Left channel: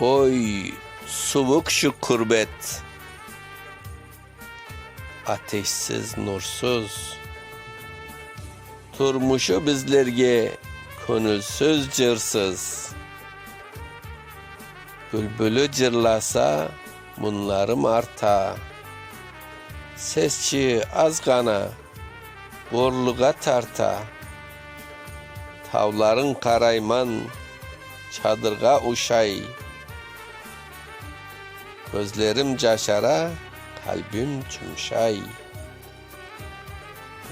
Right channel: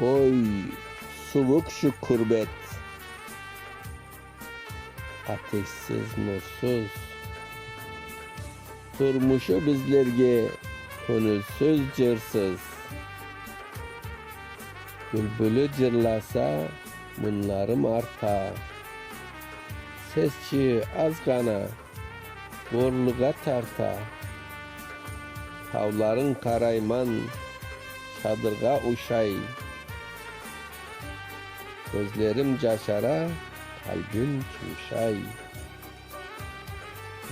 Oy subuk şu kurbet. Ateşsiz nursuz. Turmuşu bizlerge Könülsüz cırsız. Bülbülü cırlasa Bunlarım arta. Sesçi az gana Borluğa tarta. Tavların karayman Çadırga uşay Gözlerim caşara, kalbim çumşay.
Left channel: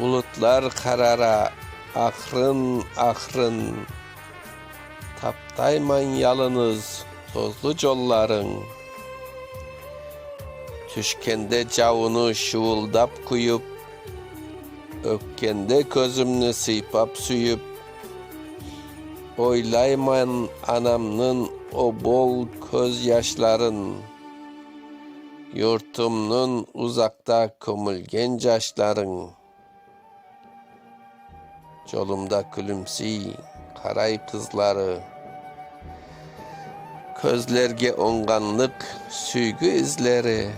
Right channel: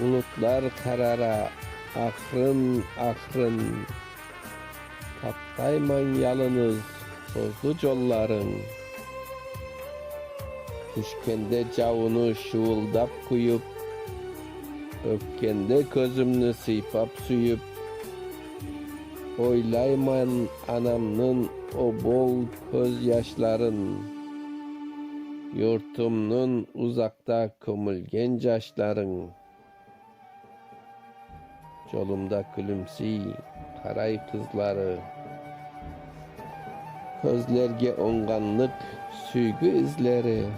Bulutlar karara, akrın akrın. Taptayman yalınız, tozlu colların. Tüşkende cavunu şuvuldap kuyup, öpkende gözümnü sıypap süyüp, Oylayman anamnın o bol köz yaşların. Yurtumnun uzakta kömülgen yaşların. Çolumda külümsi karay kızları. Közlerge onganlık süygü izleri.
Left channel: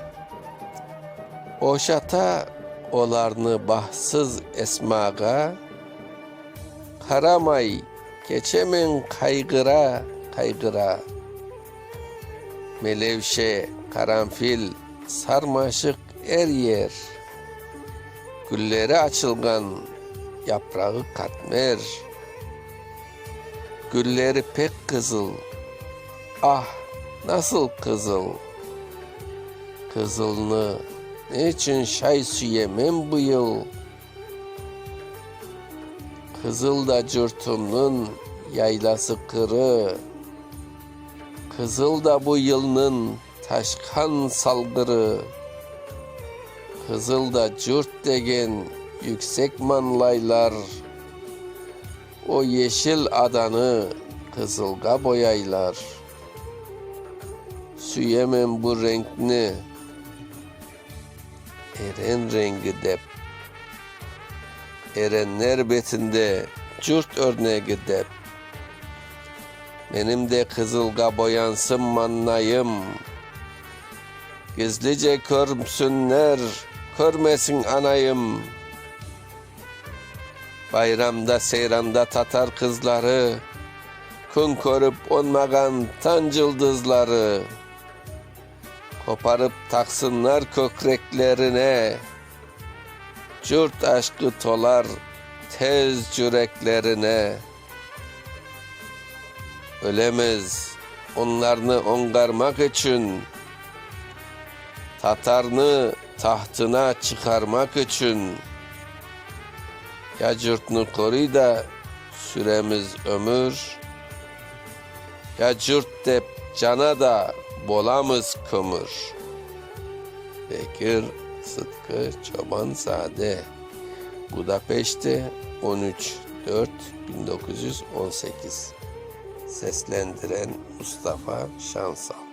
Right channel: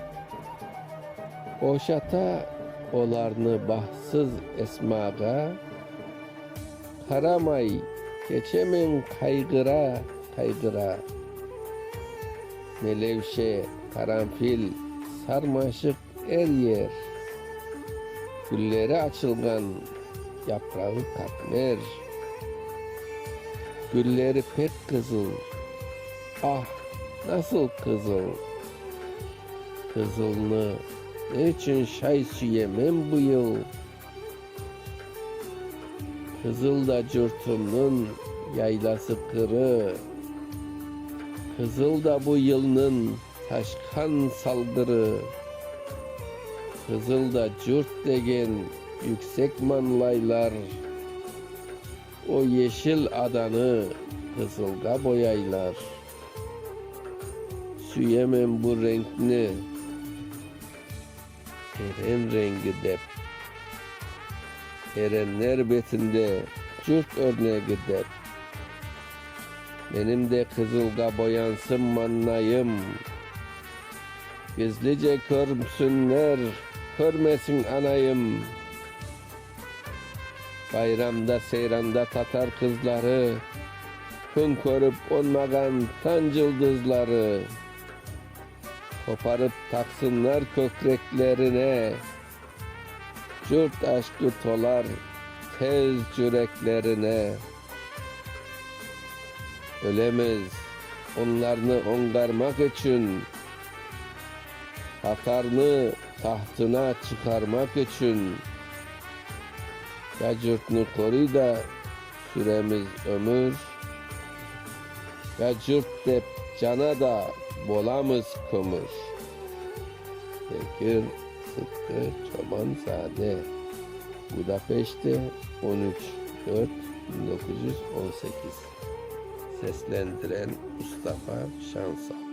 Oşata olarını bahsız esmaga. Karamay geçemin kaygıra kaygıra. Melevşe, karanfil, sarmaşık er yer. Gülleri açılgan, yaprağı katmer. Gülleri pek kızıl, ah nasıl kızıl. Kızılını ne için şay süyemem bu yıl. Kızıl da cürtümnün yaylası kırı. Kızıl da bu yılının taşkan salgırı. Kızıl da cürt degen yüksek manlaylar. O yeşil adanı kızılga boyaylar. Süyemem bu renkni. Eren rengi dep. Erenler betinde cürt örneği dep. Benim de kızılga boyansın mannayım. Gizlice körsünler, körmesin anayım. Bayramda seyranda Tatar kızları, Kun körüp onmagan tan cıldızları. Koparıp taksınlar kökreklerine, Cürt aşkı tolar tez yüreklerine. Ölemez onlarını ongarmak için Tatarını tahtına çıkarmak için Ya cürtünü koruy da süremiz ömür. Ya cürt dep cana da bolamız kömür. Bekir Sıtkı Çobansade. Budapeşte 13 4 1918 Seslendiren Mustafa Şansal